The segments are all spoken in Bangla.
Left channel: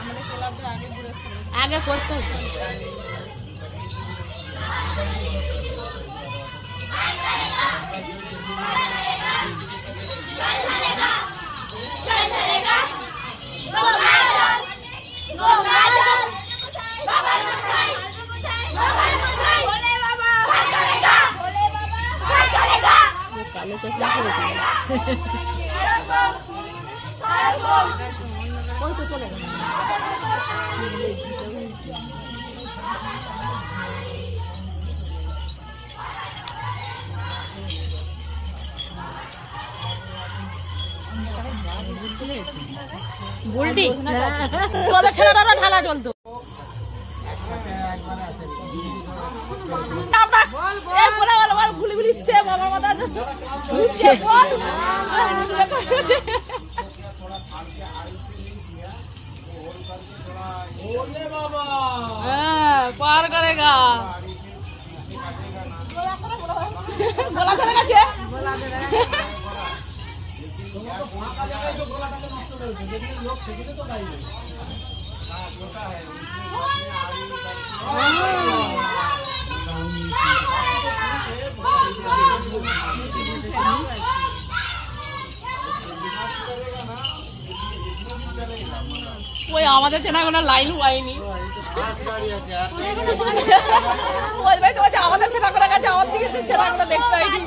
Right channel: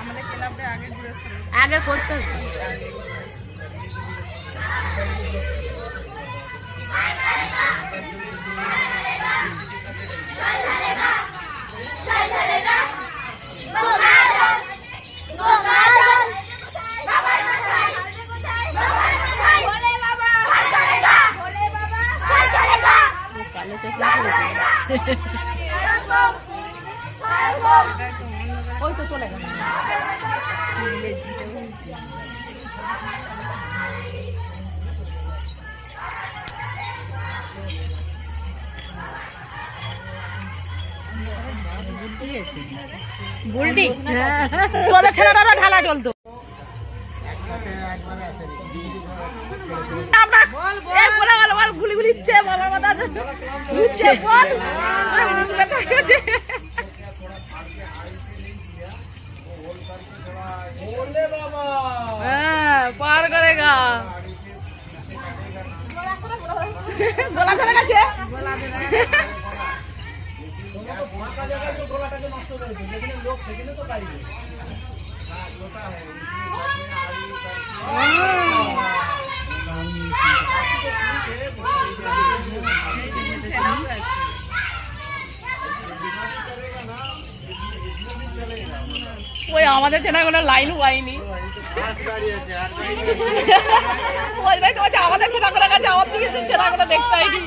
আমাদের ক্লাবে আগে ঘুরেছিল, আগে করতো। কালো চশমা করেছে ওই তো চলে গেল ঝিটা হয়েছে। বুলটি তোদের ছেলেরা ঢালা চলতো। पार करेगा गोला करे গেছে ওই আমাদের চেনা কোনো লাইন হয়নি আমাদের ছেনা করে গেছে আমার দিকে ছেনা করে দেখতে হয়নি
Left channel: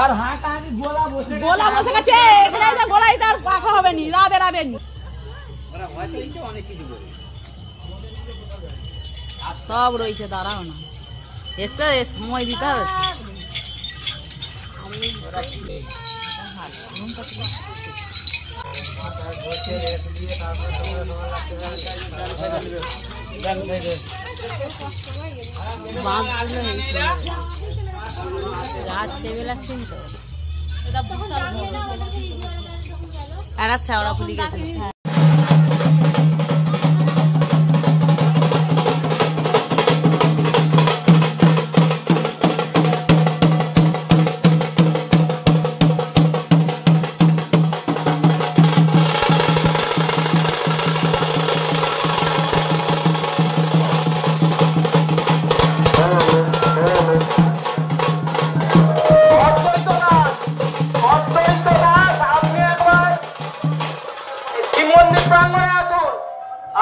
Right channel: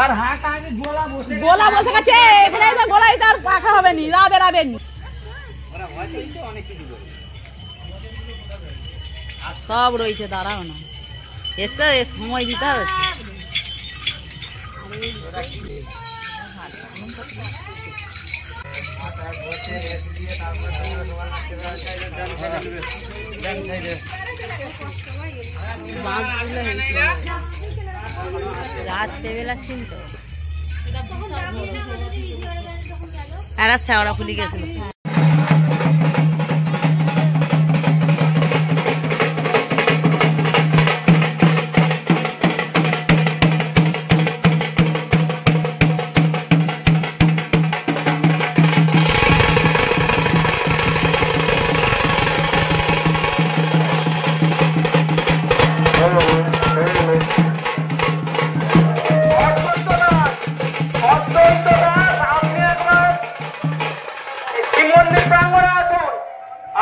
আর হাত আগে গোলা বসে গেছে গোলাই তার পাখা হবে নি রাবে রাবে নি সব রয়েছে দাঁড়াও না এতে সময় দিতে হবে রাত্রেবেলা ছিল তো এরা শেওড়া ফুলি গেছিল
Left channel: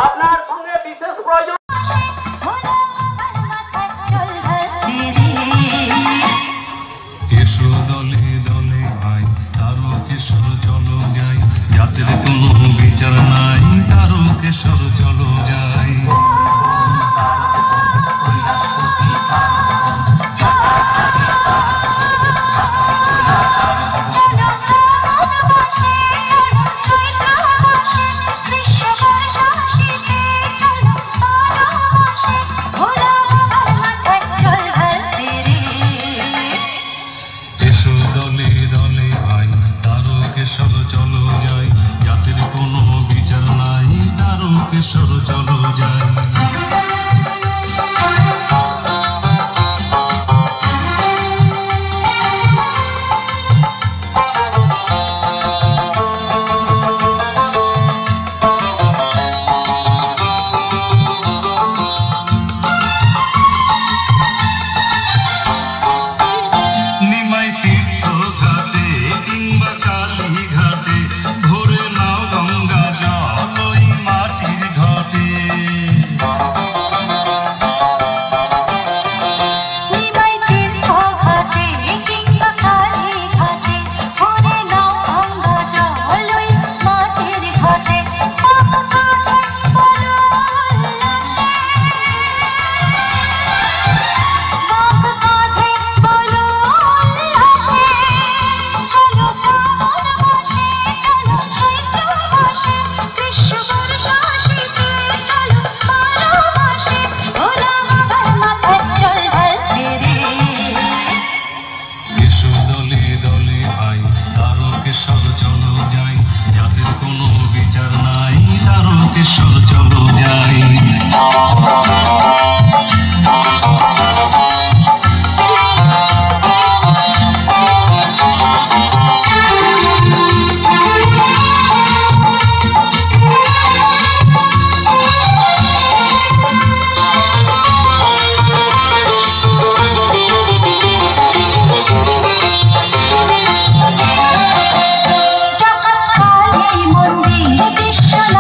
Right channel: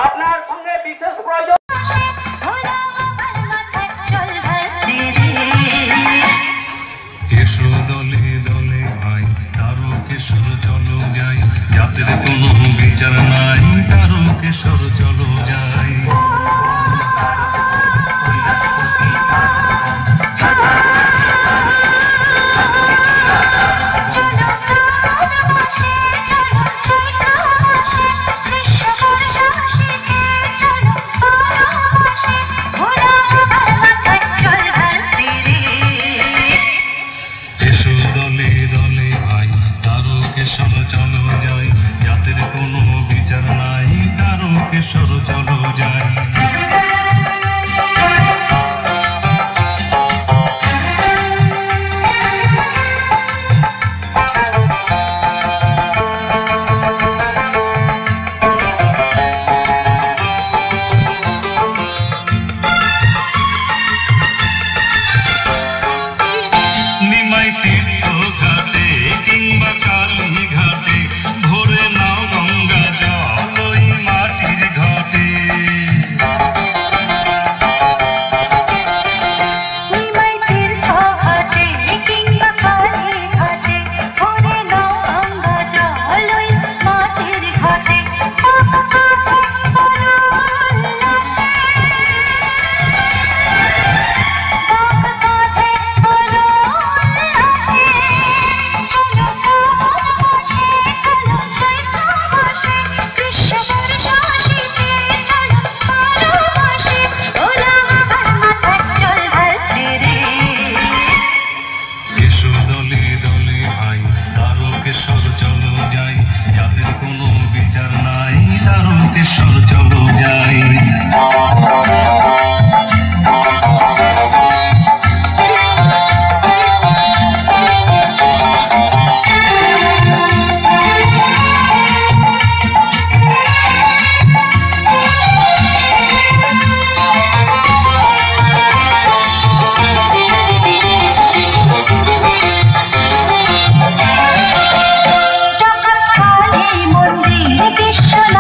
আপনার সঙ্গে বিশেষ প্রয়োজন এসো দলে দলে ভাই তারো কিশোর চলো যাই জাতের কোনো বিচার নাই তারো কিশোর চলো যাই চলো যাই জাতের কোনো বিচার নাই তারো কিশোর চলো যাই সোনা